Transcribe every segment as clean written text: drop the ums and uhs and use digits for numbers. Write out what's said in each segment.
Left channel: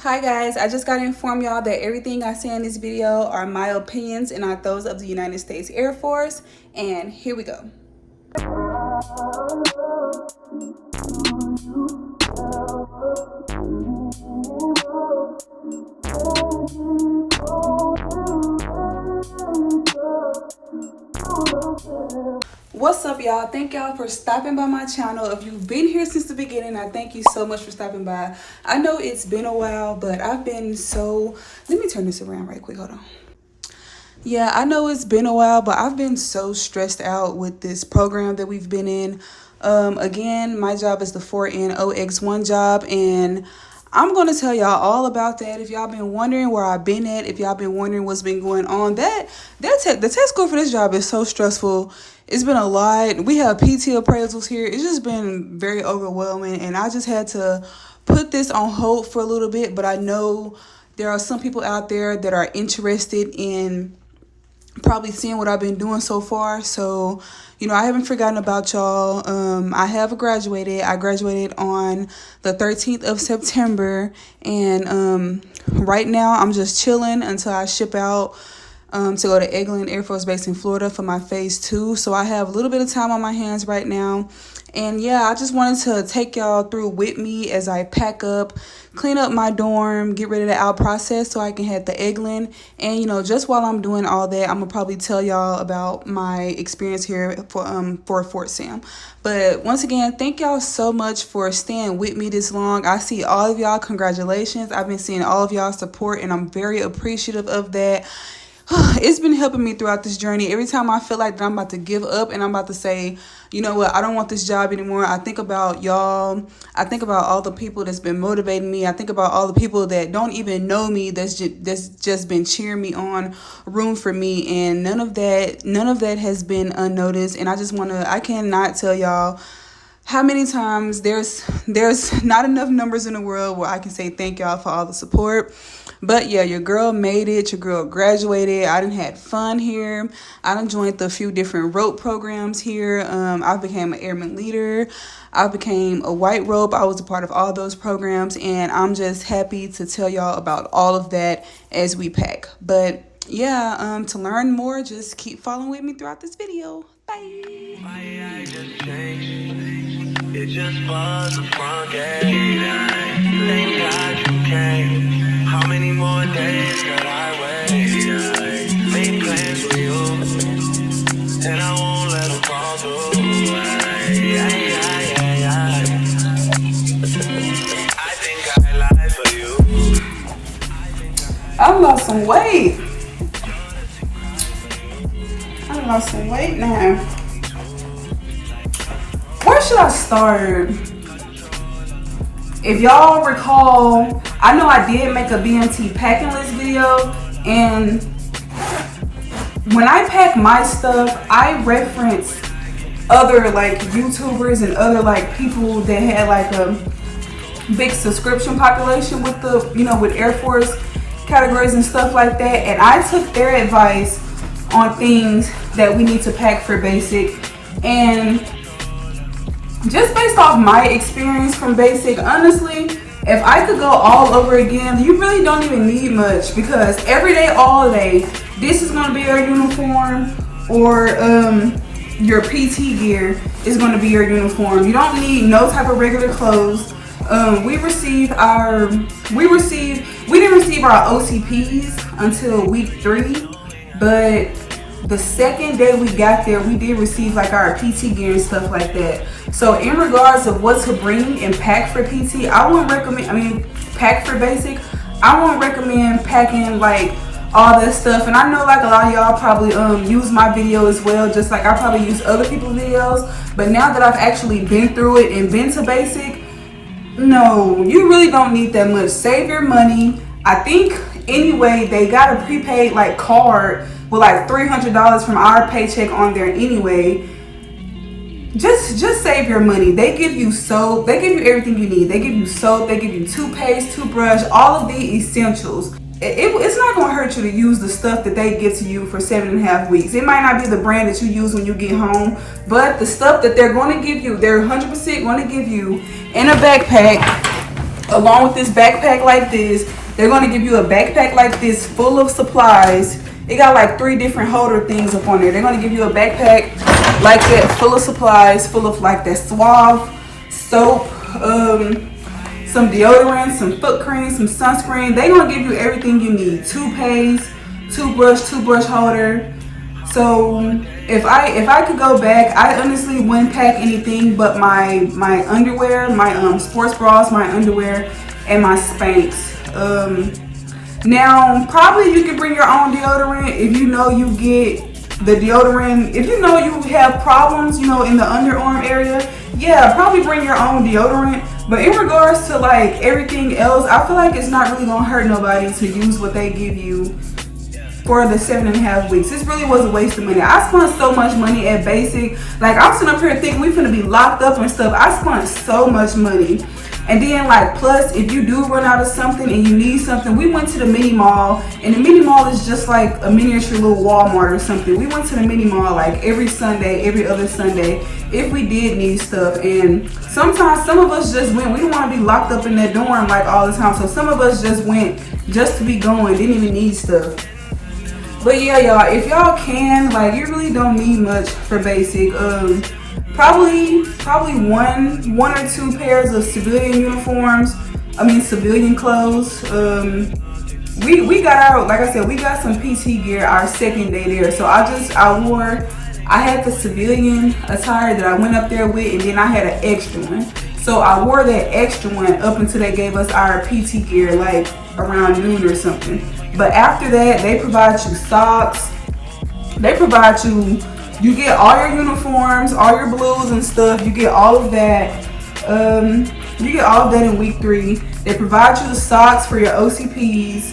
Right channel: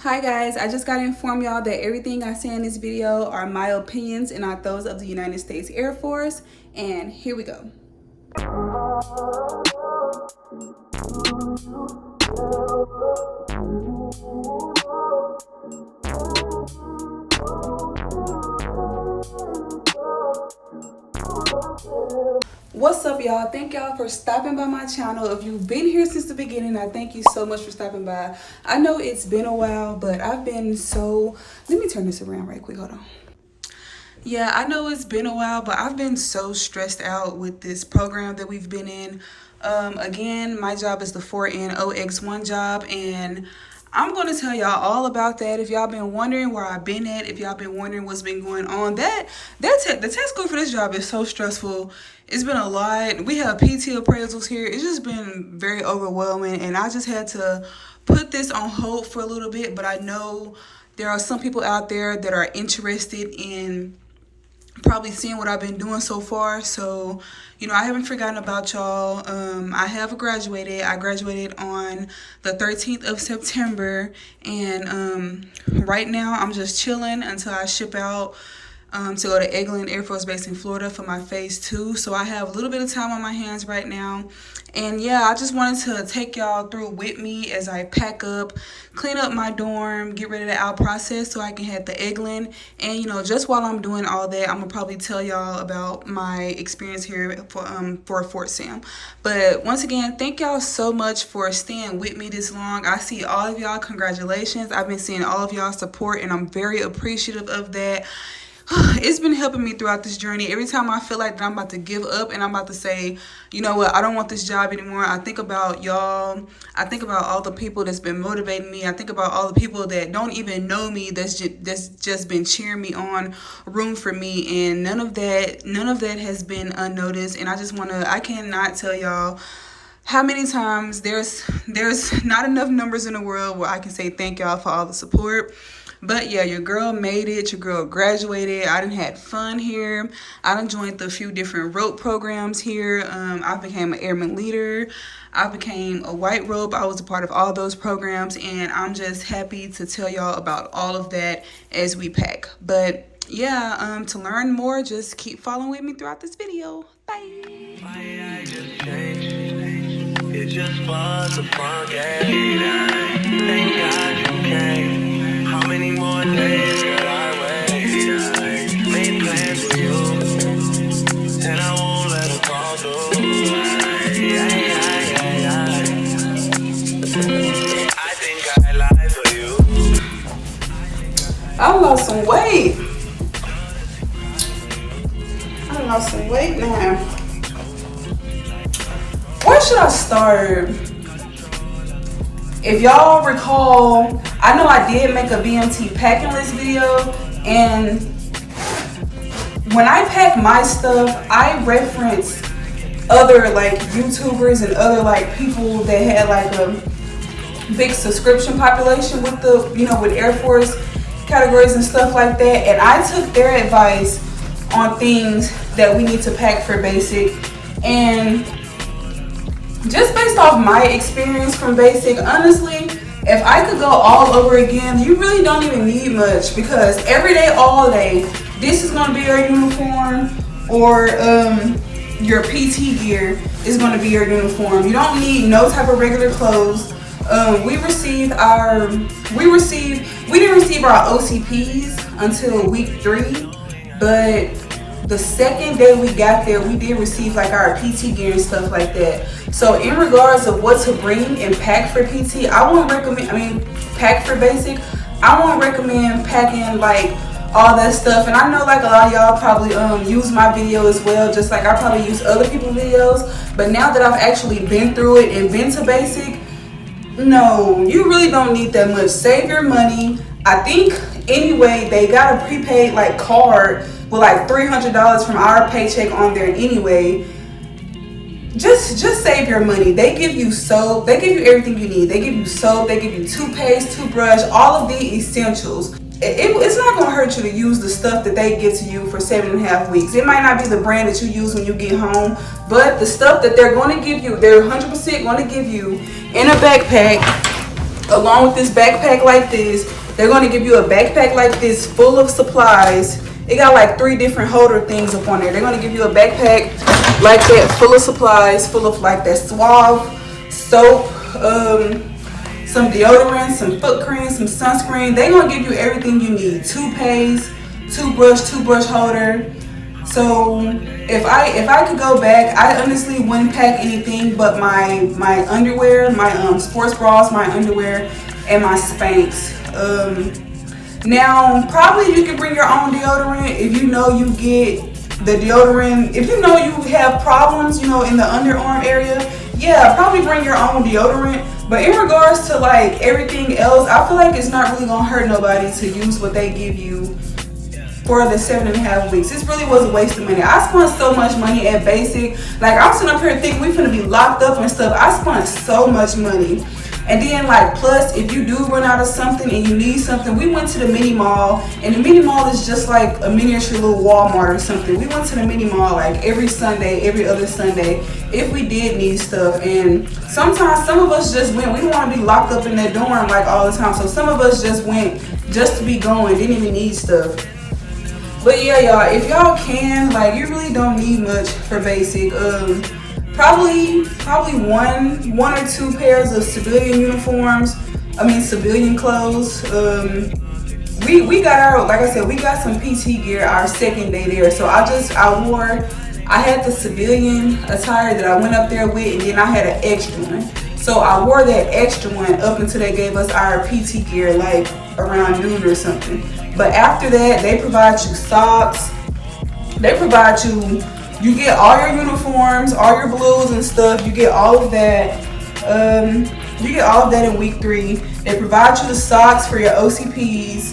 Hi guys, I just got to inform y'all that everything I say in this video are my opinions and not those of the United States Air Force. And here we go. What's up, y'all? Thank y'all for stopping by my channel. If you've been here since the beginning, I thank you so much for stopping by. I know it's been a while, but I've been so... Let me turn this around right quick. Hold on. Yeah, I know it's been a while, but I've been so stressed out with this program that we've been in. Again, my job is the 4NOX1 job, and I'm going to tell y'all all about that. If y'all been wondering where I've been at, if y'all been wondering what's been going on, the test score for this job is so stressful. It's been a lot. We have PT appraisals here. It's just been very overwhelming, and I just had to put this on hold for a little bit, but I know there are some people out there that are interested in probably seeing what I've been doing so far. So, you know, I haven't forgotten about y'all. I have graduated. I graduated on the 13th of September. And right now I'm just chilling until I ship out to go to Eglin Air Force Base in Florida for my phase 2. So I have a little bit of time on my hands right now. And yeah, I just wanted to take y'all through with me as I pack up, clean up my dorm, get ready to out process so I can head to Eglin. And you know, just while I'm doing all that, I'm gonna probably tell y'all about my experience here for Fort Sam. But once again, thank y'all so much for staying with me this long. I see all of y'all. Congratulations. I've been seeing all of y'all support, and I'm very appreciative of that. It's been helping me throughout this journey. Every time I feel like that I'm about to give up and I'm about to say, you know what, I don't want this job anymore, I think about y'all. I think about all the people that's been motivating me. I think about all the people that don't even know me, that's just been cheering me on, room for me. And none of that has been unnoticed. And I cannot tell y'all how many times there's not enough numbers in the world where I can say thank y'all for all the support. But yeah, your girl made it. Your girl graduated. I done had fun here. I done joined a few different rope programs here. I became an airman leader. I became a white rope. I was a part of all those programs, and I'm just happy to tell y'all about all of that as we pack. But yeah, to learn more, just keep following with me throughout this video. Bye. It's just fun to forget. How many more days could I wait? Many plans with you, and I won't let it fall through. I think I lied for you. I lost some weight. I lost some weight now. Where should I start? If y'all recall, I know I did make a BMT packing list video, and when I pack my stuff, I reference other like YouTubers and other like people that had like a big subscription population with the, you know, with Air Force categories and stuff like that, and I took their advice on things that we need to pack for basic. And just based off my experience from basic, honestly, if I could go all over again, you really don't even need much, because every day, all day, this is going to be your uniform, or your PT gear is going to be your uniform. You don't need no type of regular clothes. We didn't receive our OCPs until week 3, but the second day we got there, we did receive like our PT gear and stuff like that. So in regards of what to bring and pack for PT, pack for basic, I won't recommend packing like all that stuff. And I know like a lot of y'all probably use my video as well, just like I probably use other people's videos. But now that I've actually been through it and been to basic, no, you really don't need that much. Save your money. I think anyway, they got a prepaid like card with like $300 from our paycheck on there anyway. Just save your money. They give you soap. They give you everything you need. They give you soap. They give you toothpaste, toothbrush, all of the essentials. It's not going to hurt you to use the stuff that they give to you for 7.5 weeks. It might not be the brand that you use when you get home, but the stuff that they're going to give you, they're 100% going to give you in a backpack along with this backpack like this, they're going to give you a backpack like this full of supplies. It got like 3 different holder things up on there. They're going to give you a backpack like that full of supplies, full of like that Suave soap, some deodorant, some foot cream, some sunscreen. They're going to give you everything you need. Toothpaste, toothbrush holder. So if I could go back, I honestly wouldn't pack anything but my underwear, my sports bras, my underwear, and my Spanx. Now probably you can bring your own deodorant if you know you get the deodorant. If you know you have problems, you know, in the underarm area, yeah, probably bring your own deodorant. But in regards to like everything else, I feel like it's not really gonna hurt nobody to use what they give you for the 7.5 weeks. This really was a waste of money. I spent so much money at Basic. Like, I'm sitting up here thinking we finna be locked up and stuff. I spent so much money. And then like, plus if you do run out of something and you need something, we went to the mini mall, and the mini mall is just like a miniature little Walmart or something. We went to the mini mall like every Sunday, every other Sunday, if we did need stuff. And sometimes some of us just went, we don't want to be locked up in that dorm like all the time. So some of us just went just to be going, didn't even need stuff. But yeah, y'all, if y'all can, like, you really don't need much for Basic. Probably one or 2 pairs of civilian uniforms. I mean civilian clothes. We got out, like I said, we got some PT gear our second day there. So I had the civilian attire that I went up there with, and then I had an extra one. So I wore that extra one up until they gave us our PT gear, like around noon or something. But after that, they provide you socks. They provide you get all your uniforms, all your blues and stuff. You get all of that. You get all of that in week 3. They provide you the socks for your OCPs.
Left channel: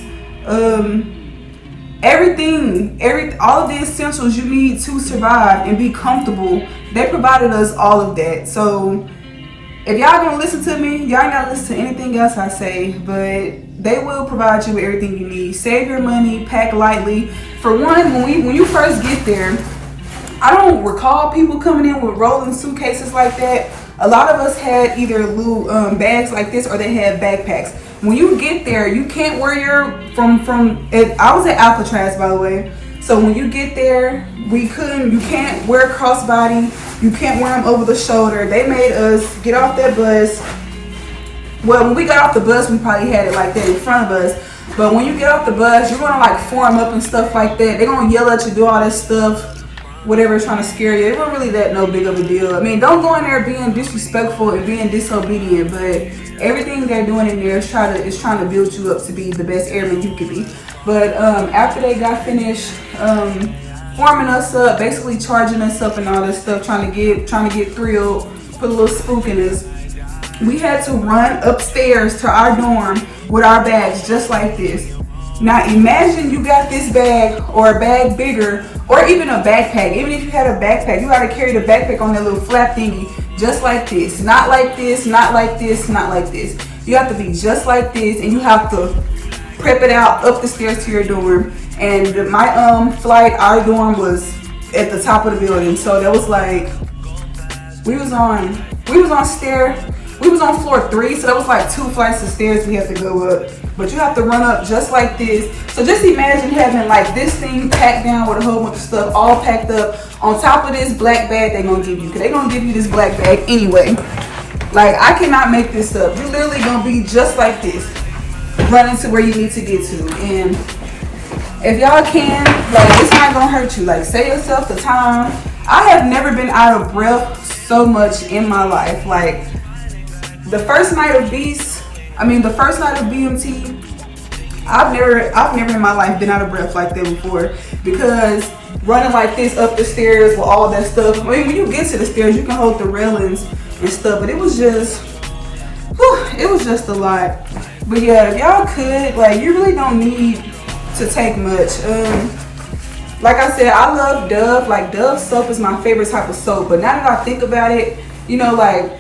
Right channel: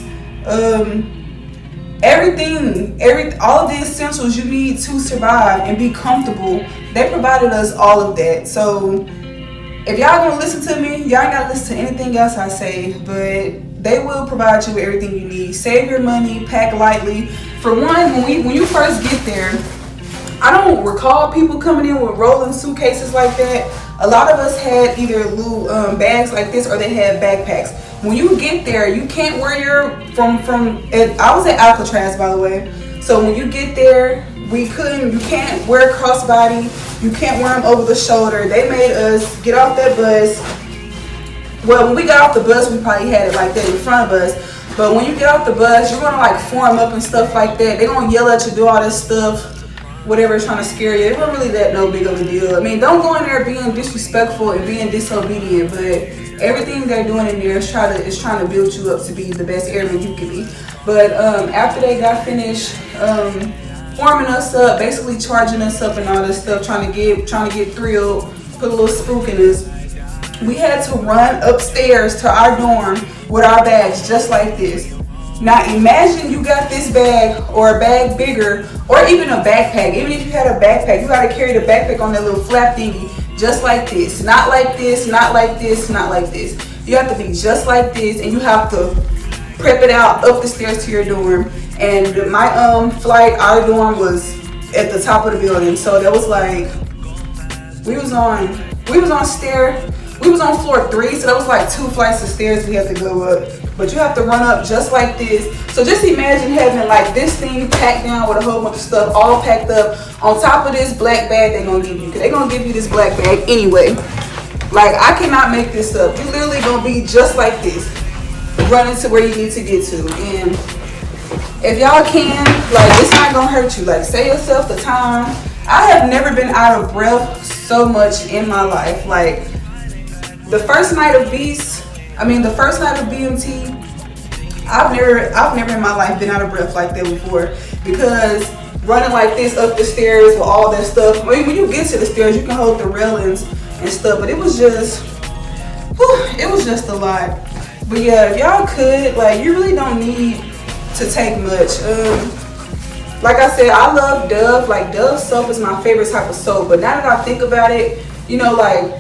All of the essentials you need to survive and be comfortable. They provided us all of that. So if y'all gonna listen to me, y'all ain't gotta listen to anything else I say, but they will provide you with everything you need. Save your money, pack lightly. For one, when you first get there, I don't recall people coming in with rolling suitcases like that. A lot of us had either little bags like this, or they had backpacks. When you get there, you can't wear your I was at Alcatraz, by the way. So when you get there, you can't wear crossbody. You can't wear them over the shoulder. They made us get off that bus. Well, when we got off the bus, we probably had it like that in front of us. But when you get off the bus, you're gonna like form up and stuff like that. They're gonna yell at you, do all this stuff, whatever, trying to scare you. It wasn't really that no big of a deal. I mean, don't go in there being disrespectful and being disobedient, but everything they're doing in there is trying to build you up to be the best airman you could be. But after they got finished forming us up, basically charging us up and all this stuff, trying to get thrilled, put a little spook in us, we had to run upstairs to our dorm with our bags just like this. Now imagine you got this bag or a bag bigger, or even a backpack. Even if you had a backpack, you gotta carry the backpack on that little flap thingy just like this. Not like this, not like this, not like this. You have to be just like this, and you have to prep it out up the stairs to your dorm. And my flight, our dorm was at the top of the building. So that was like, we was on floor 3, so that was like 2 flights of stairs we had to go up. But you have to run up just like this. So just imagine having like this thing packed down with a whole bunch of stuff all packed up on top of this black bag they're gonna give you. They're gonna give you this black bag anyway. Like, I cannot make this up. You're literally gonna be just like this, running to where you need to get to. And if y'all can, like, it's not gonna hurt you. Like, save yourself the time. I have never been out of breath so much in my life. Like, the first night of BMT, I've never in my life been out of breath like that before, because running like this up the stairs with all that stuff, I mean, when you get to the stairs, you can hold the railings and stuff, but it was just a lot. But yeah, if y'all could, like, you really don't need to take much. Like I said, I love Dove. Like, Dove soap is my favorite type of soap, but now that I think about it, you know, like,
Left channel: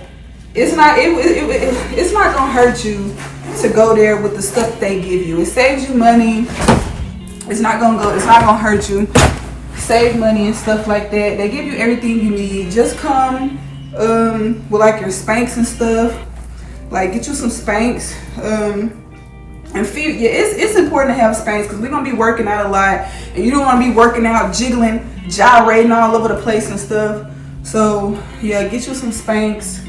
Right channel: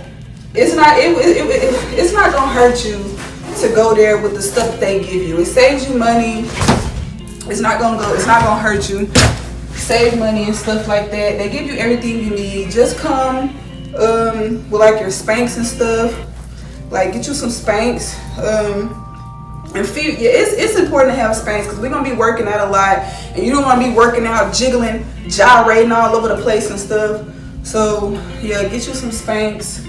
it's not gonna hurt you to go there with the stuff they give you. It saves you money. It's not gonna hurt you. Save money and stuff like that. They give you everything you need. Just come with like your Spanx and stuff. Like, get you some Spanx. And feel, yeah, it's important to have Spanx because we're gonna be working out a lot, and you don't want to be working out, jiggling, gyrating all over the place and stuff. So yeah, get you some Spanx.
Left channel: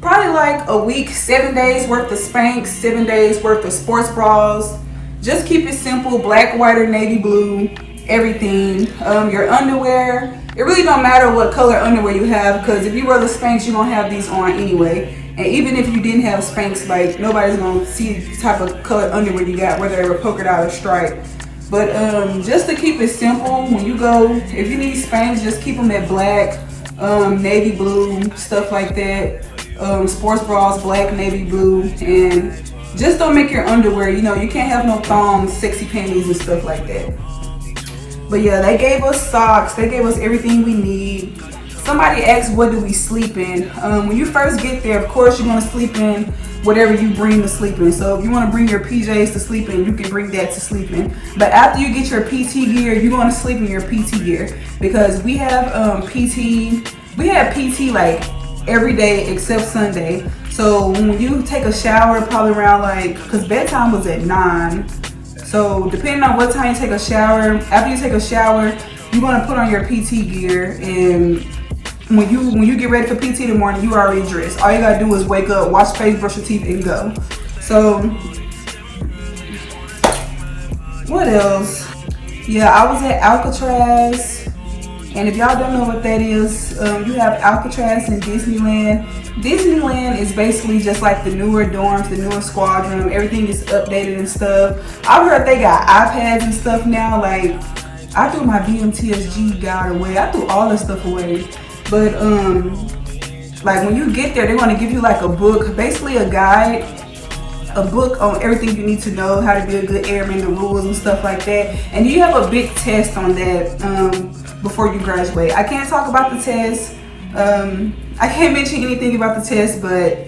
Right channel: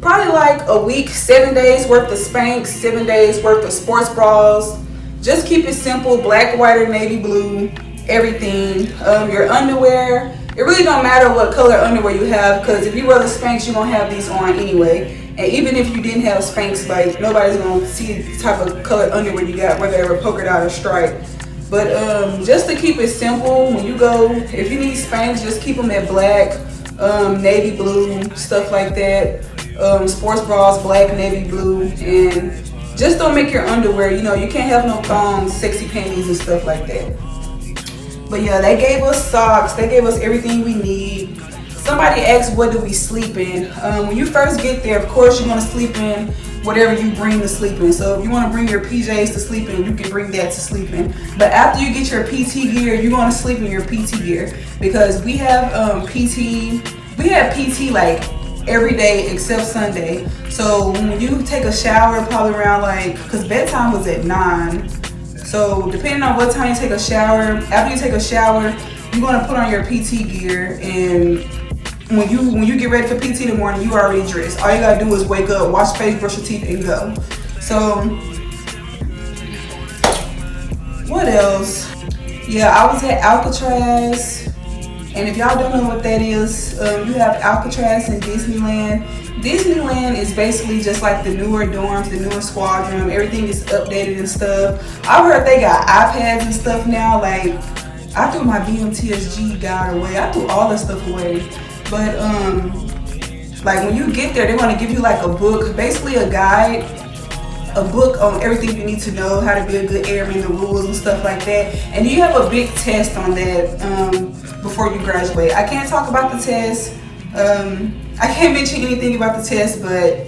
Probably like a week, 7 days worth of Spanx, 7 days worth of sports bras. Just keep it simple, black, white, or navy blue, everything. Your underwear, it really don't matter what color underwear you have, because if you wear the Spanx, you're gonna have these on anyway. And even if you didn't have Spanx, like, nobody's gonna see the type of colored underwear you got, whether they were polka dot or striped. But just to keep it simple, when you go, if you need Spanx, just keep them at black, navy blue, stuff like that. Sports bras, black, navy blue, and just don't make your underwear, you know, you can't have no thongs, sexy panties and stuff like that. But yeah, they gave us socks, they gave us everything we need. Somebody asked, what do we sleep in? When you first get there, of course you're gonna sleep in whatever you bring to sleep in. So if you wanna bring your PJs to sleep in, you can bring that to sleep in. But after you get your PT gear, you're gonna sleep in your PT gear, because we have PT like every day except Sunday. So when you take a shower, probably around like, cause bedtime was at 9. So depending on what time you take a shower, after you take a shower, you're gonna put on your PT gear, and when you get ready for PT in the morning, you already dressed. All you gotta do is wake up, wash your face, brush your teeth, and go. So what else? Yeah, I was at Alcatraz, and if y'all don't know what that is, you have Alcatraz in Disneyland. Disneyland is basically just like the newer dorms, the newer squad room. Everything is updated and stuff. I've heard they got iPads and stuff now. Like, I threw my BMT guide away. I threw all this stuff away. But like when you get there, they're gonna give you like a book, basically a guide, a book on everything you need to know, how to be a good airman, the rules and stuff like that. And you have a big test on that before you graduate. I can't talk about the test. I can't mention anything about the test, but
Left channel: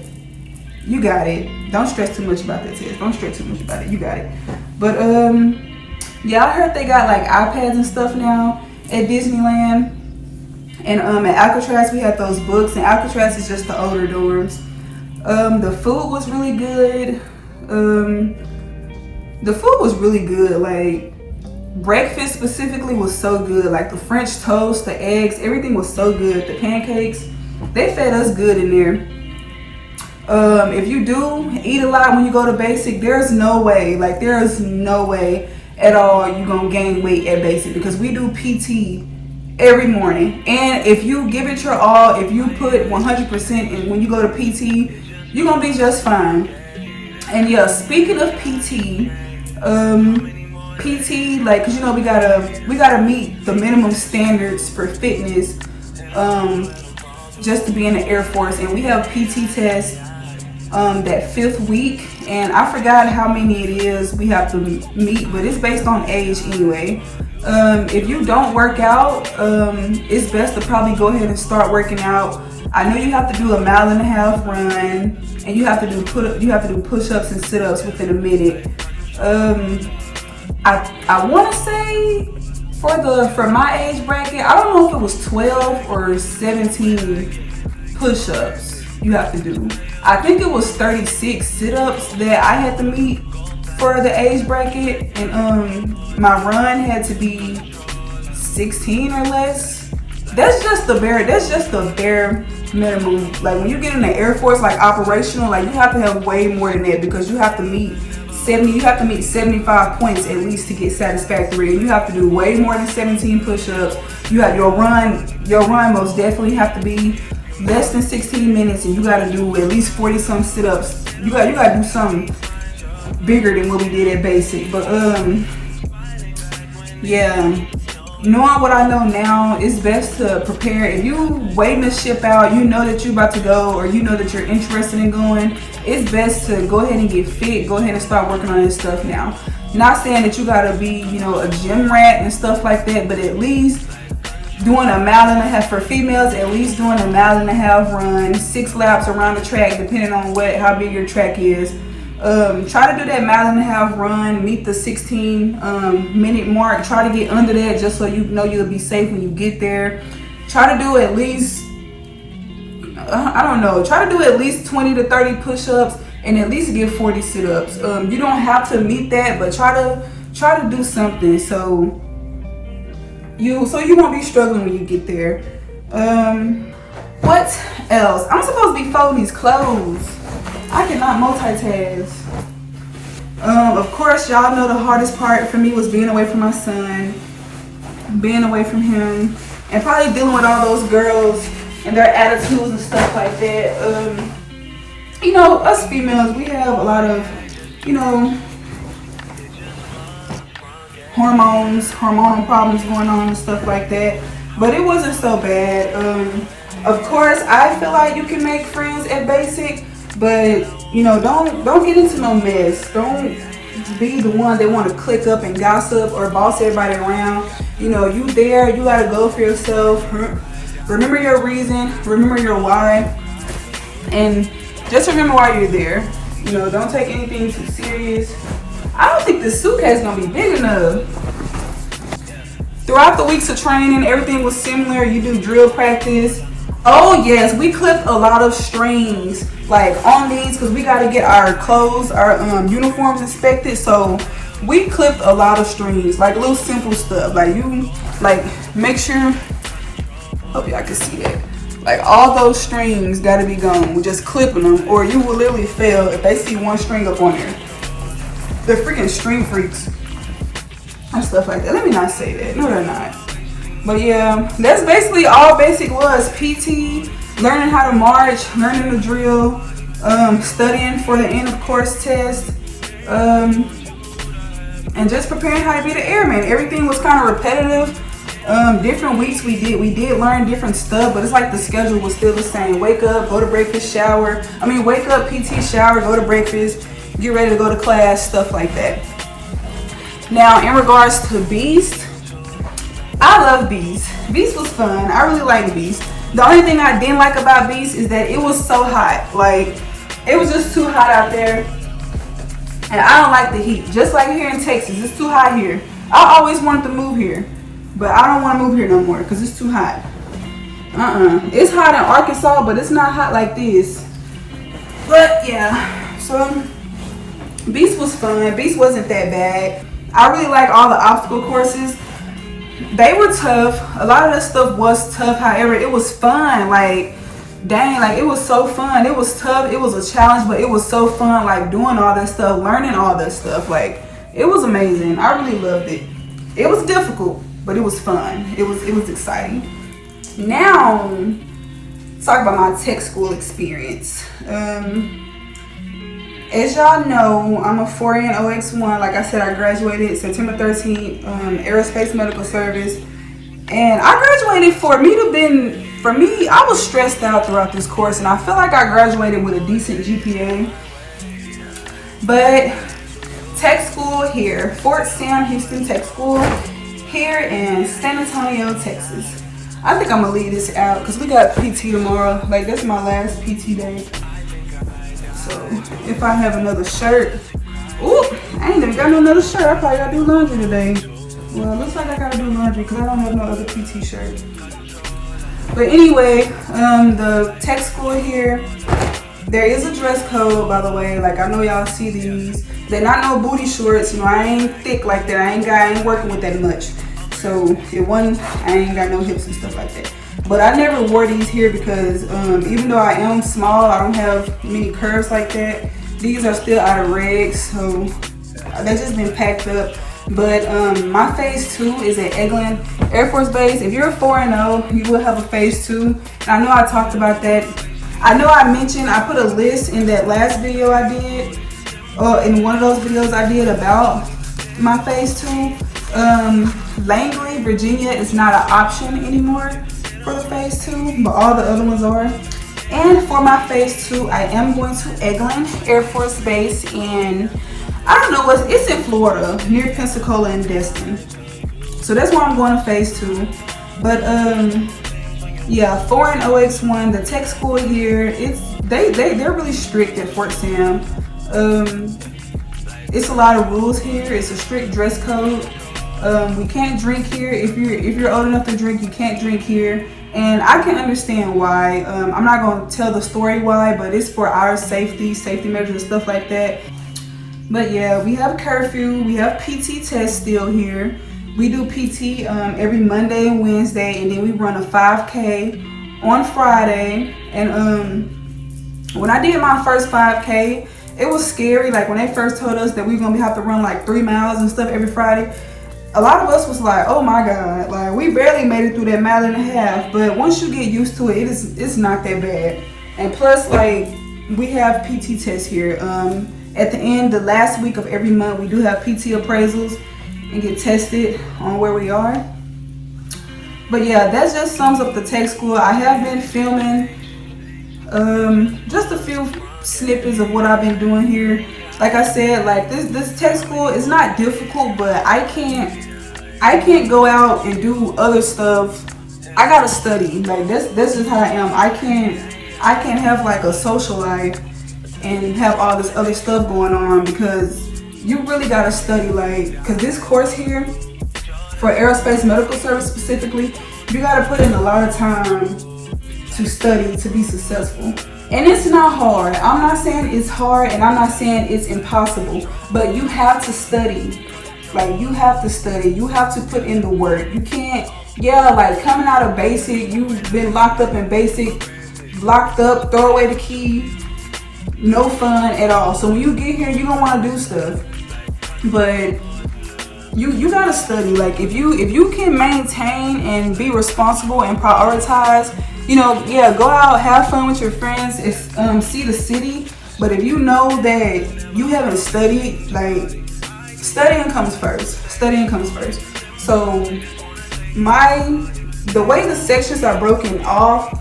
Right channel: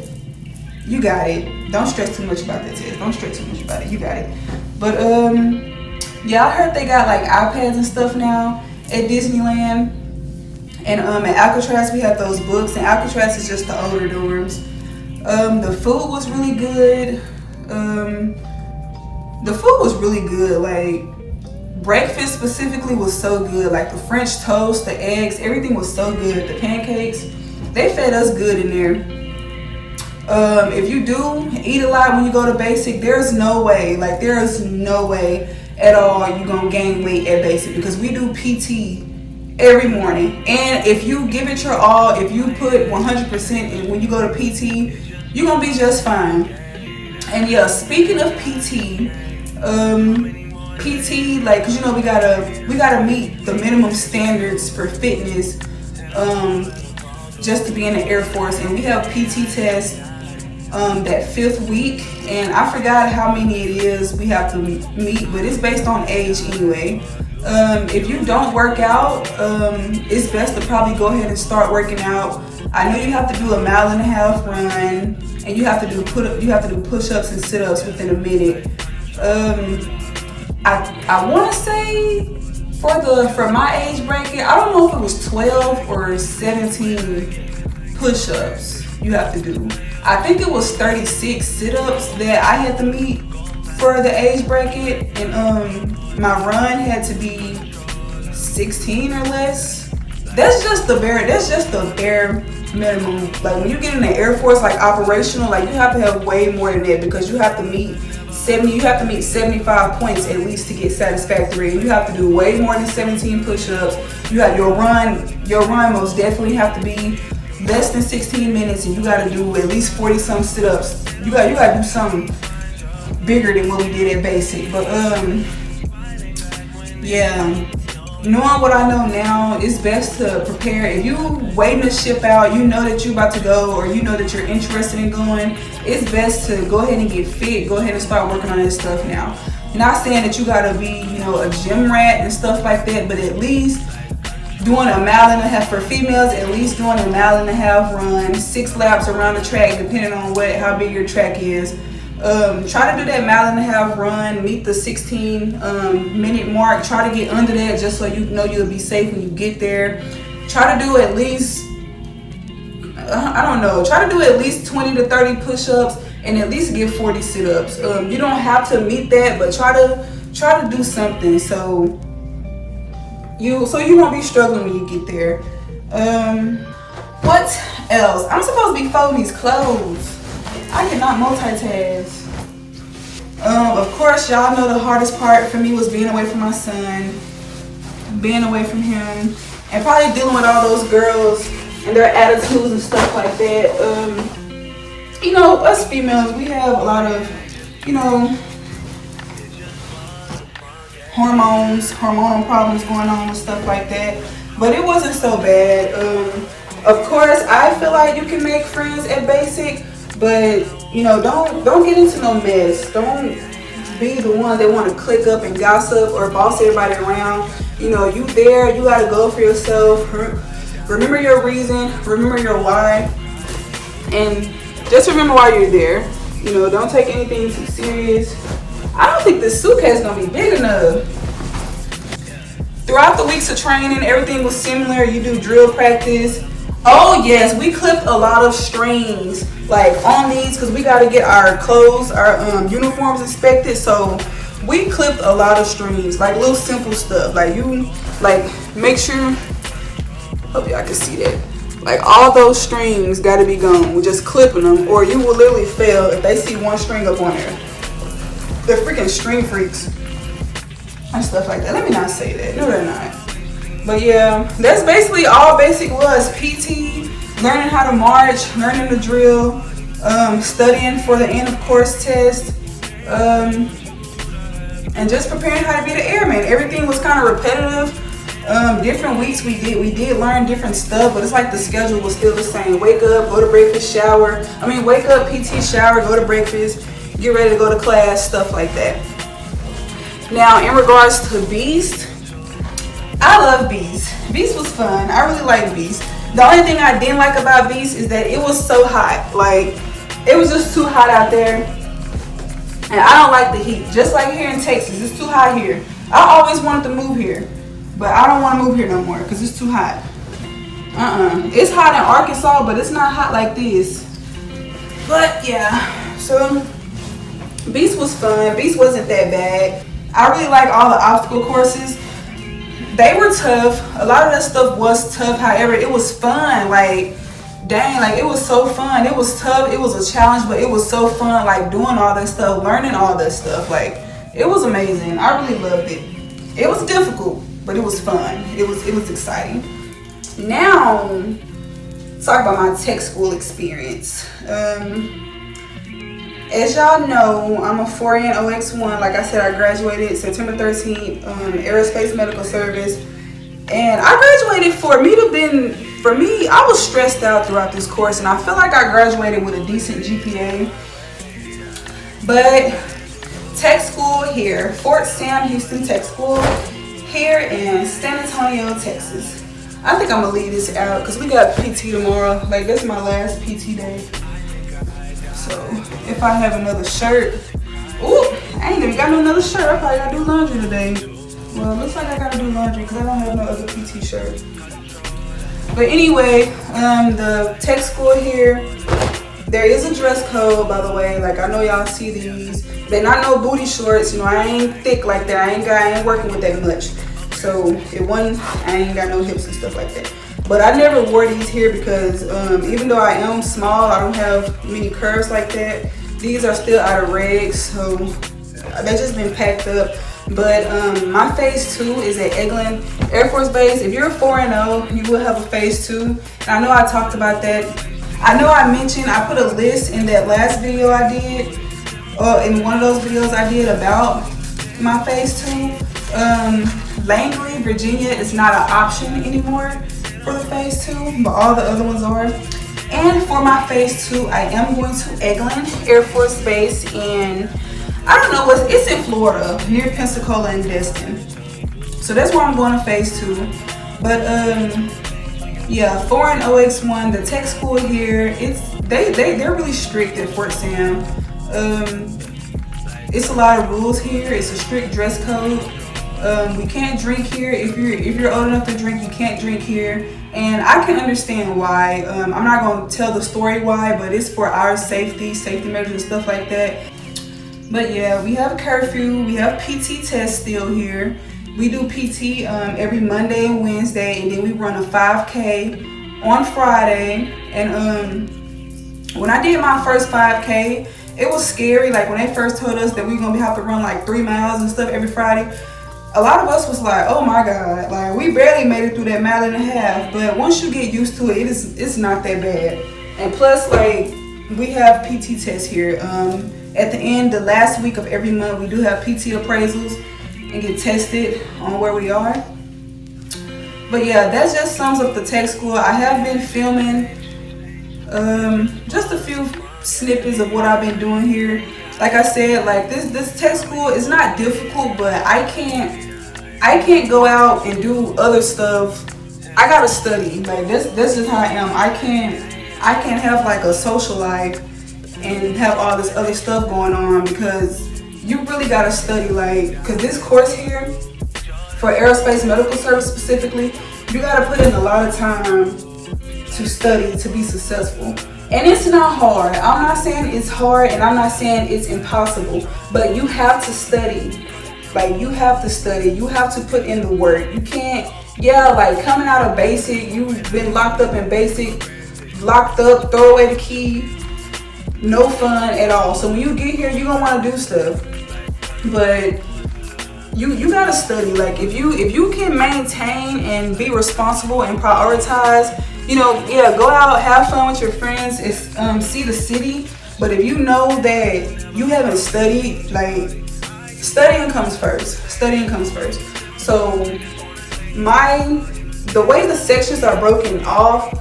you got it. Don't stress too much about the test. Don't stress too much about it. You got it. But yeah, I heard they got like iPads and stuff now at Disneyland. And at Alcatraz, we had those books, and Alcatraz is just the older dorms. The food was really good. The food was really good. Like, breakfast specifically was so good. Like the French toast, the eggs, everything was so good. The pancakes, they fed us good in there. If you do eat a lot when you go to basic, there's no way at all you're gonna gain weight at basic, because we do PT every morning. And if you give it your all, if you put 100% in when you go to PT, you're gonna be just fine. And yeah, speaking of PT, like, cause you know we gotta meet the minimum standards for fitness, just to be in the Air Force, and we have PT tests that 5th week, and I forgot how many it is we have to meet, but it's based on age anyway. If you don't work out, it's best to probably go ahead and start working out. I know you have to do a 1.5 mile run, and you have to do push-ups and sit-ups within a minute. I want to say for my age bracket, I don't know if it was 12 or 17 push-ups you have to do. I think it was 36 sit-ups that I had to meet for the age bracket, and my run had to be 16 or less. That's just the bare minimum. Like when you get in the Air Force, like operational, like you have to have way more than that, because you have to meet 75 points at least to get satisfactory, and you have to do way more than 17 push-ups. You have your run most definitely have to be less than 16 minutes, and you got to do at least 40 some sit-ups. You got to do something bigger than what we did at basic. But yeah, knowing what I know now, it's best to prepare. If you waiting to ship out, you know that you're about to go, or you know that you're interested in going, it's best to go ahead and get fit, go ahead and start working on this stuff now. Not saying that you gotta be, you know, a gym rat and stuff like that, but at least doing a 1.5 miles for females, at least doing a 1.5 mile run, 6 laps around the track, depending on how big your track is. Try to do that 1.5 mile run, meet the 16 minute mark. Try to get under that, just so you know you'll be safe when you get there. Try to do at least I don't know, try to do at least 20 to 30 push-ups and at least get 40 sit-ups. You don't have to meet that, but try to do something so you won't be struggling when you get there. What else? I'm supposed to be folding these clothes. I cannot multitask. Of course, y'all know the hardest part for me was being away from my son, being away from him, and probably dealing with all those girls and their attitudes and stuff like that. You know, us females, we have a lot of, you know, hormonal problems going on and stuff like that. But it wasn't so bad. Of course, I feel like you can make friends at basic, but you know, don't get into no mess. Don't be the one that want to click up and gossip or boss everybody around. You know, you there, you gotta go for yourself. Remember your reason, remember your why, and just remember why you're there. You know, don't take anything too serious. I don't think this suitcase is gonna be big enough. Throughout the weeks of training, everything was similar. You do drill practice. Oh yes, we clipped a lot of strings like on these because we got to get our clothes, our uniforms inspected. So we clipped a lot of strings, like little simple stuff. Like make sure. Hope y'all can see that. Like all those strings got to be gone. We're just clipping them, or you will literally fail if they see one string up on there. They're freaking string freaks and stuff like that. Let me not say that. No, they're not. But yeah, that's basically all basic was. PT, learning how to march, learning the drill, studying for the end of course test, and just preparing how to be the airman. Everything was kind of repetitive. Different weeks we did learn different stuff, but it's like the schedule was still the same. Wake up, go to breakfast, shower. Wake up, PT, shower, go to breakfast, get ready to go to class, stuff like that. Now, in regards to Beast, I love Beast. Beast was fun. I really like Beast. The only thing I didn't like about Beast is that it was so hot. Like, it was just too hot out there. And I don't like the heat. Just like here in Texas, it's too hot here. I always wanted to move here, but I don't want to move here no more because it's too hot. It's hot in Arkansas, but it's not hot like this. But yeah, so Beast was fun. Beast wasn't that bad. I really like all the obstacle courses. They were tough. A lot of that stuff was tough. However, it was fun. Like, dang, like it was so fun. It was tough. It was a challenge, but it was so fun. Like doing all that stuff, learning all that stuff. Like, it was amazing. I really loved it. It was difficult, but it was fun. It was exciting. Now, talk about my tech school experience. As y'all know, I'm a 4N OX1. Like I said, I graduated September 13th, Aerospace Medical Service. And I graduated for me, I was stressed out throughout this course, and I feel like I graduated with a decent GPA. But tech school here, Fort Sam Houston Tech School here in San Antonio, Texas. I think I'm gonna leave this out because we got PT tomorrow. Like, this is my last PT day. So if I have another shirt, ooh, I ain't even got no another shirt. I probably gotta do laundry today. Well, it looks like I gotta do laundry because I don't have no other PT shirt. But anyway, the tech school here, there is a dress code, by the way. Like, I know y'all see these. They're not no booty shorts. You know, I ain't thick like that. I ain't working with that much. So I ain't got no hips and stuff like that. But I never wore these here because even though I am small, I don't have many curves like that. These are still out of regs, so they've just been packed up. But my phase 2 is at Eglin Air Force Base. If you're a 4N, you will have a phase 2. And I know I talked about that. I know I mentioned, I put a list in that last video I did, in one of those videos I did about my phase 2. Langley, Virginia is not an option anymore for the phase 2, but all the other ones are. And for my phase 2, I am going to Eglin Air Force Base in, I don't know, it's in Florida, near Pensacola and Destin. So that's where I'm going to phase 2. But yeah, 4N OX1, the tech school here, they're really strict at Fort Sam. It's a lot of rules here. It's a strict dress code. We can't drink here. If you're old enough to drink, you can't drink here. And I can understand why. I'm not going to tell the story why, but it's for our safety measures and stuff like that. But yeah, we have a curfew. We have PT tests still here. We do PT every Monday and Wednesday, and then we run a 5K on Friday. And when I did my first 5K, it was scary. Like when they first told us that we were gonna have to run like 3 miles and stuff every Friday, a lot of us was like, oh my God, like we barely made it through that mile and a half. But once you get used to it, it's not that bad. And plus, like, we have PT tests here. At the end, the last week of every month, we do have PT appraisals and get tested on where we are. But yeah, that just sums up the tech school. I have been filming just a few snippets of what I've been doing here. Like I said, like this tech school is not difficult, but I can't go out and do other stuff. I gotta study. Like this is how I am. I can't have like a social life and have all this other stuff going on, because you really gotta study. Like, cause this course here for aerospace medical service specifically, you gotta put in a lot of time to study to be successful. And it's not hard. I'm not saying it's hard, and I'm not saying it's impossible, but you have to study. Like, you have to study. You have to put in the work. You can't, like coming out of basic, you've been locked up in basic, locked up, throw away the key, no fun at all. So when you get here, you don't want to do stuff. But you gotta study. Like, if you can maintain and be responsible and prioritize, go out, have fun with your friends, see the city. But if you know that you haven't studied, like, studying comes first. So the way the sections are broken off,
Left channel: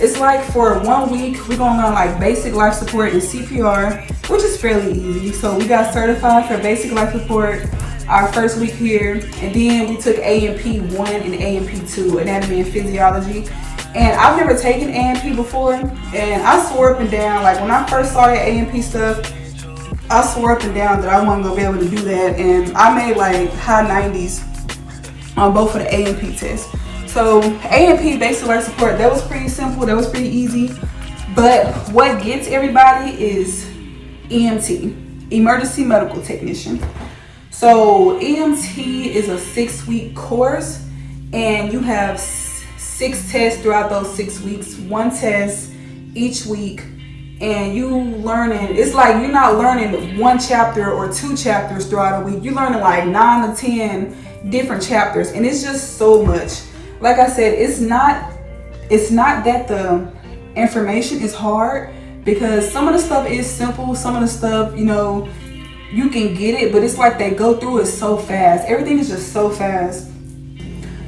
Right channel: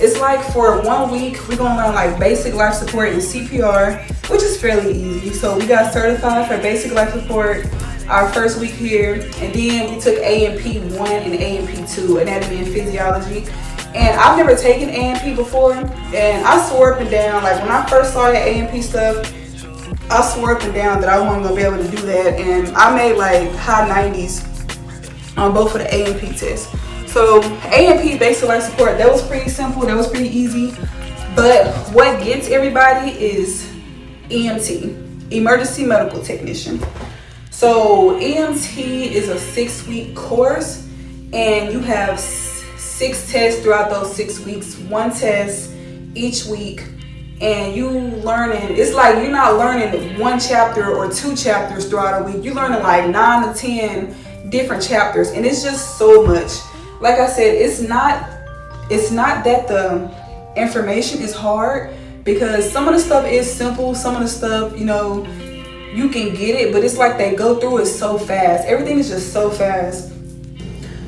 it's like for 1 week, we're gonna learn like basic life support and CPR, which is fairly easy. So we got certified for basic life support our first week here, and then we took A&P 1 and A&P 2, anatomy and physiology. And I've never taken A&P before, and I swore up and down, like when I first saw that A&P stuff, I swore up and down that I wasn't gonna be able to do that, and I made like high 90s on both of the A&P tests. So A&P, basic life support, that was pretty simple, that was pretty easy. But what gets everybody is EMT, emergency medical technician. So EMT is a 6-week course, and you have 6 tests throughout those 6 weeks, 1 test each week. And you learning, it's like you're not learning 1 chapter or 2 chapters throughout a week. You're learning like 9 to 10 different chapters, and it's just so much. Like I said, it's not that the information is hard, because some of the stuff is simple, some of the stuff, you can get it, but it's like they go through it so fast. Everything is just so fast.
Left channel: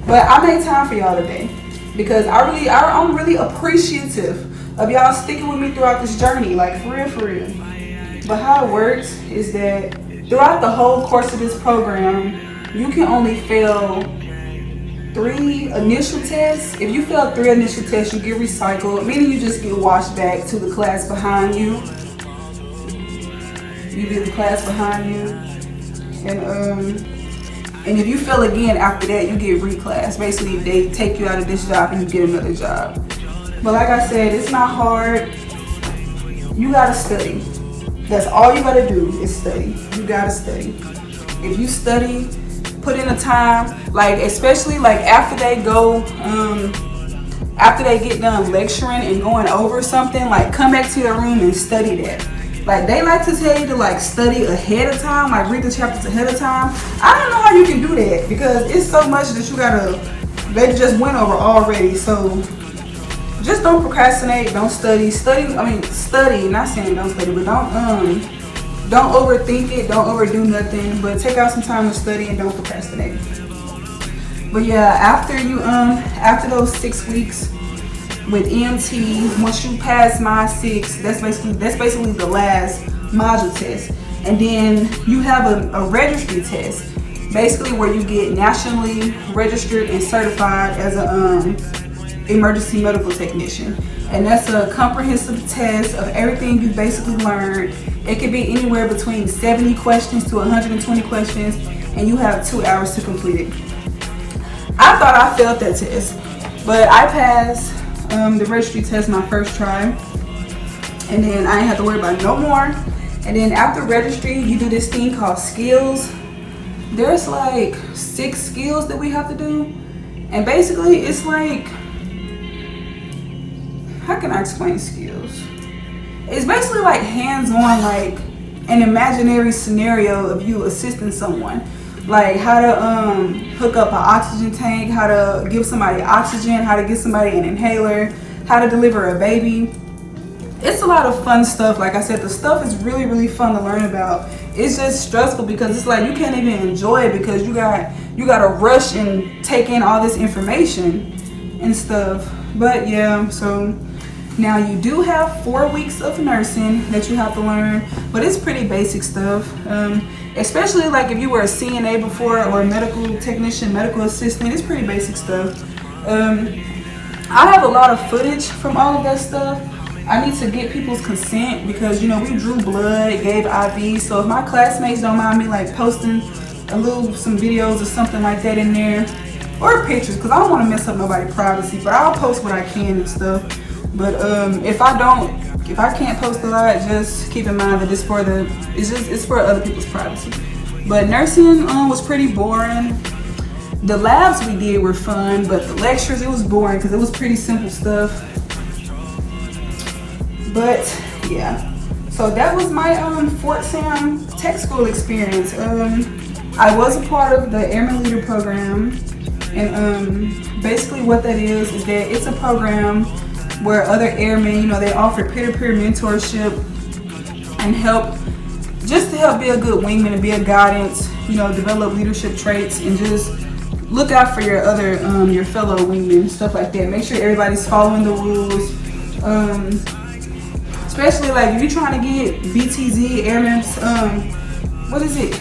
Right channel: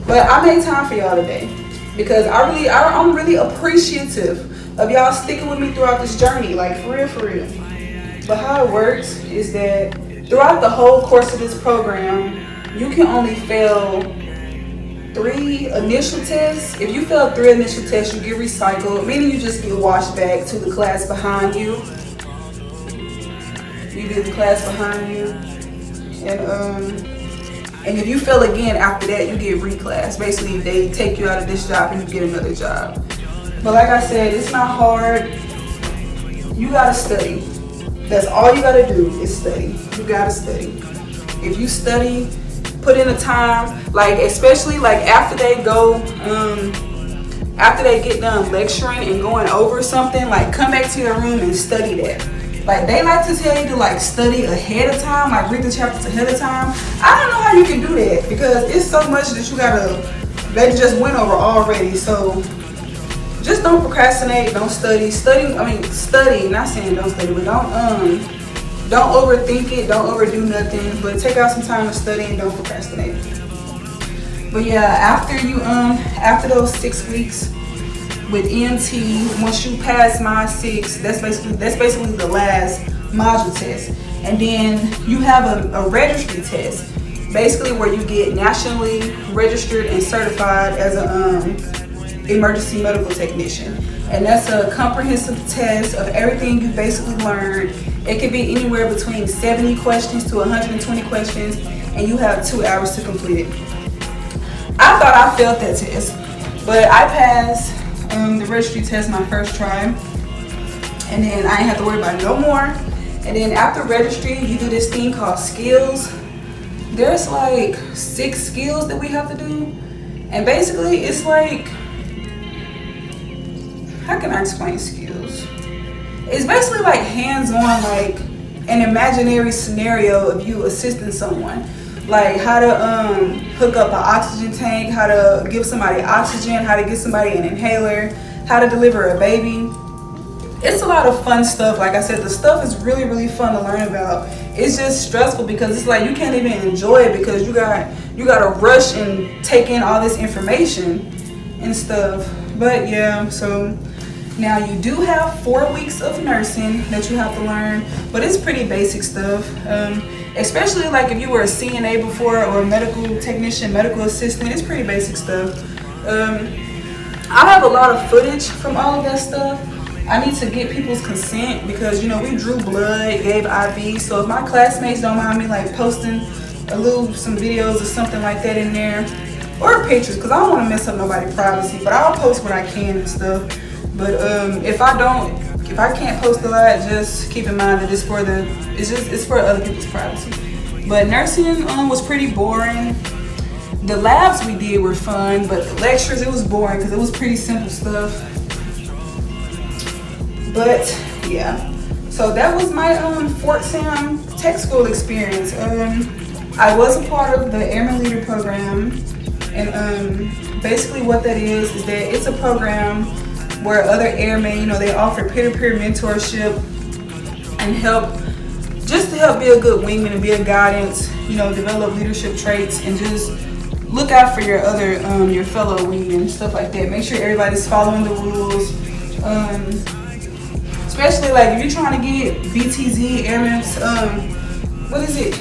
But I made time for y'all today, because I'm really appreciative of y'all sticking with me throughout this journey, like for real. But how it works is that throughout the whole course of this program, you can only fail 3 initial tests. If you fail 3 initial tests, you get recycled, meaning you just get washed back to the class behind you. You get the class behind you, and if you fail again after that, you get reclassed. Basically, they take you out of this job and you get another job. But like I said, it's not hard. You gotta study. That's all you gotta do is study. You gotta study. If you study, put in the time, like especially like after they get done lecturing and going over something, like come back to your room and study that. Like they like to tell you to like study ahead of time, like read the chapters ahead of time. I don't know how you can do that, because it's so much that they just went over already. So just don't procrastinate, don't study. Study, not saying don't study, but don't overthink it, don't overdo nothing, but take out some time to study and don't procrastinate. But yeah, after those 6 weeks with EMT, once you pass mod 6, that's basically the last module test. And then you have a registry test, basically where you get nationally registered and certified as a emergency medical technician. And that's a comprehensive test of everything you basically learned. It could be anywhere between 70 questions to 120 questions. and you have 2 hours to complete it. I thought I failed that test, but I passed the registry test my first try, and then I didn't have to worry about no more. And then after registry, you do this thing called skills. There's like 6 skills that we have to do, and basically it's like, how can I explain skills? It's basically like hands-on, like an imaginary scenario of you assisting someone. Like how to hook up an oxygen tank, how to give somebody oxygen, how to give somebody an inhaler, how to deliver a baby. It's a lot of fun stuff. Like I said, the stuff is really, really fun to learn about. It's just stressful because it's like you can't even enjoy it because you gotta rush and take in all this information and stuff. But yeah, so now you do have 4 weeks of nursing that you have to learn, but it's pretty basic stuff. Especially like if you were a CNA before or a medical technician, medical assistant, it's pretty basic stuff. I have a lot of footage from all of that stuff. I need to get people's consent because, you know, we drew blood, gave IV. So if my classmates don't mind me like posting some videos or something like that in there, or pictures, because I don't want to mess up nobody's privacy, but I'll post what I can and stuff. But if I can't post a lot, just keep in mind that it's for other people's privacy. But nursing was pretty boring. The labs we did were fun, but the lectures, it was boring because it was pretty simple stuff. But yeah, so that was my Fort Sam Tech School experience. I was a part of the Airman Leader program, and basically what that is that it's a program where other airmen, you know, they offer peer-to-peer mentorship and help, just to help be a good wingman and be a guidance, you know, develop leadership traits and just look out for your other, your fellow wingmen, stuff like that. Make sure everybody's following the rules. Especially like if you're trying to get BTZ, Airmen, what is it?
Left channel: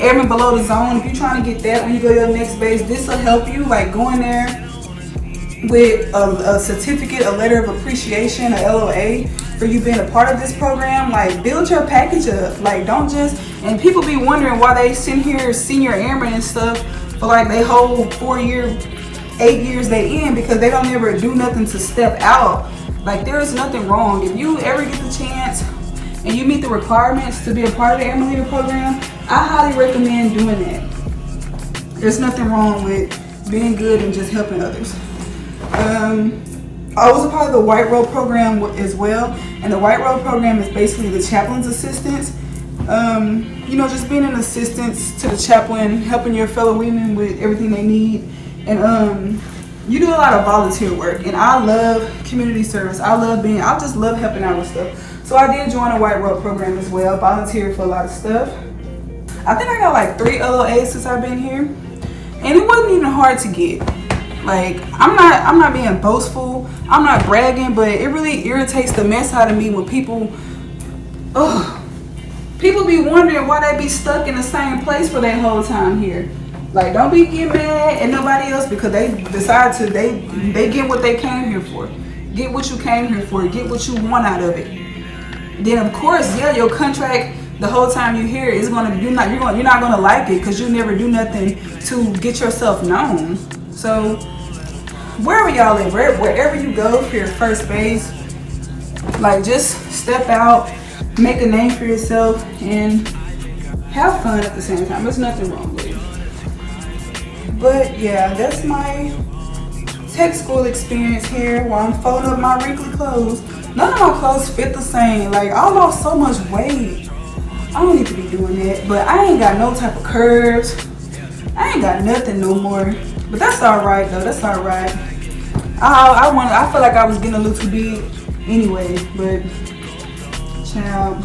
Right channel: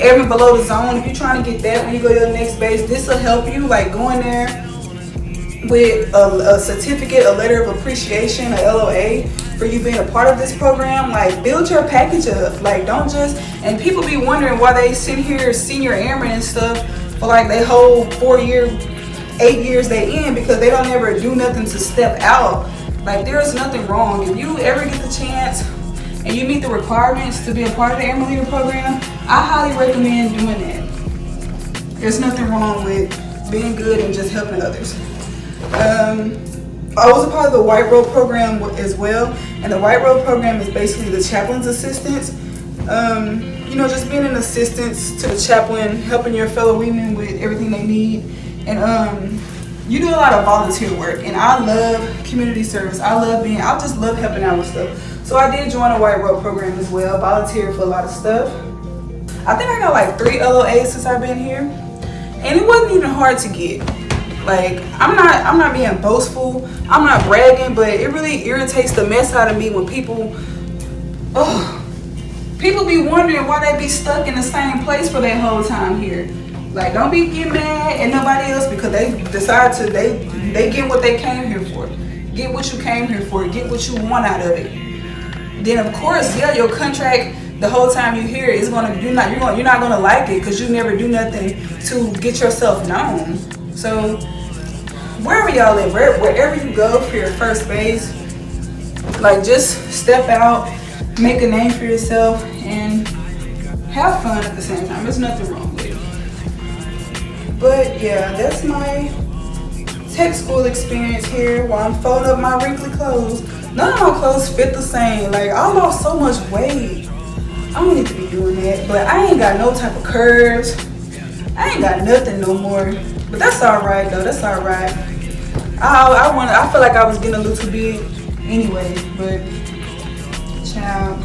Airmen below the zone. If you're trying to get that when you go to the next base, this will help you, like going there with a certificate, a letter of appreciation, a LOA for you being a part of this program. Like build your package up. Like don't just, and people be wondering why they sit here senior airmen and stuff for like they whole 8 years they in, because they don't ever do nothing to step out. Like there is nothing wrong. If you ever get the chance and you meet the requirements to be a part of the Airman Leader program, I highly recommend doing it. There's nothing wrong with being good and just helping others. I was a part of the White Robe program as well, and the White Robe program is basically the chaplain's assistance. You know, just being an assistance to the chaplain, helping your fellow women with everything they need, and you do a lot of volunteer work. And I love community service. I just love helping out with stuff. So I did join a White Robe program as well, volunteered for a lot of stuff. I think I got like 3 LOAs since I've been here, and it wasn't even hard to get. Like I'm not being boastful, I'm not bragging, but it really irritates the mess out of me when people be wondering why they be stuck in the same place for that whole time here. Like don't be getting mad at nobody else because they decide to they get what they came here for. Get what you came here for, get what you want out of it. Then of course, yeah, your contract the whole time you're here is you're not gonna like it because you never do nothing to get yourself known. So wherever y'all at, wherever you go for your first base, like just step out, make a name for yourself, and have fun at the same time. There's nothing wrong with it. But yeah, that's my tech school experience here while I'm folding up my wrinkly clothes. None of my clothes fit the same. Like I lost so much weight. I don't need to be doing that, but I ain't got no type of curves. I ain't got nothing no more. But that's all right though. That's all right. I feel like I was getting a little too big anyway. But child,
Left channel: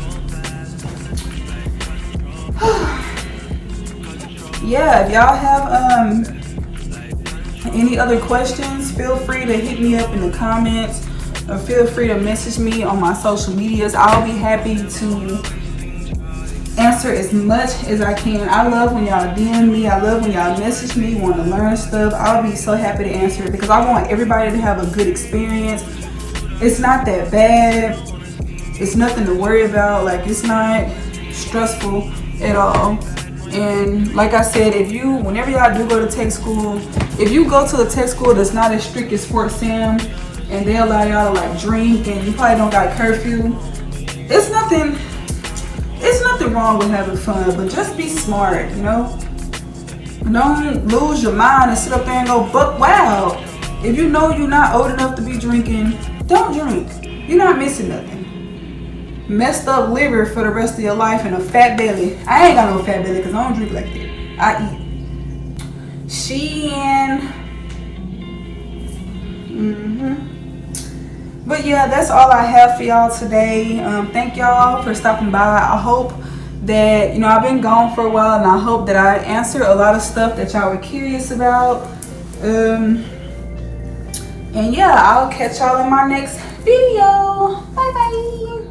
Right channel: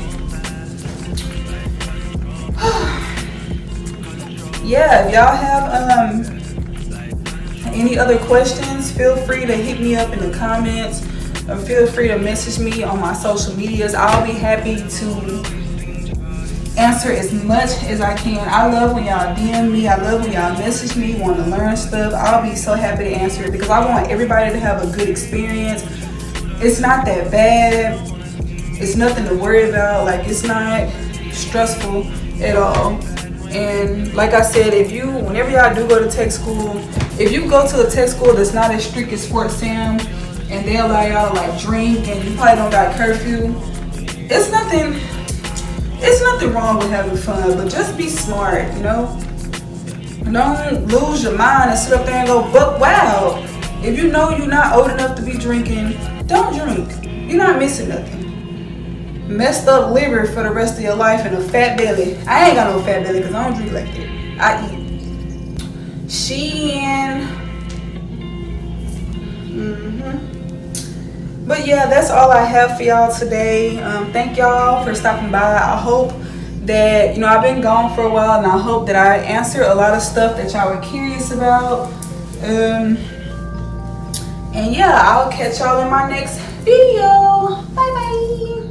yeah. If y'all have any other questions, feel free to hit me up in the comments, or feel free to message me on my social medias. I'll be happy to answer as much as I can. I love when y'all DM me. I love when y'all message me, want to learn stuff. I'll be so happy to answer it because I want everybody to have a good experience. It's not that bad. It's nothing to worry about. Like it's not stressful at all. And like I said, whenever y'all do go to tech school, if you go to a tech school that's not as strict as Fort Sam, and they allow y'all to like drink, and you probably don't got curfew, it's nothing wrong with having fun, but just be smart, you know? Don't lose your mind and sit up there and go buck wild. If you know you're not old enough to be drinking, don't drink. You're not missing nothing. Messed up liver for the rest of your life and a fat belly. I ain't got no fat belly because I don't drink like that. I eat. But yeah, that's all I have for y'all today. Thank y'all for stopping by. I hope that, you know, I've been gone for a while, and I hope that I answered a lot of stuff that y'all were curious about. And yeah, I'll catch y'all in my next video. Bye bye.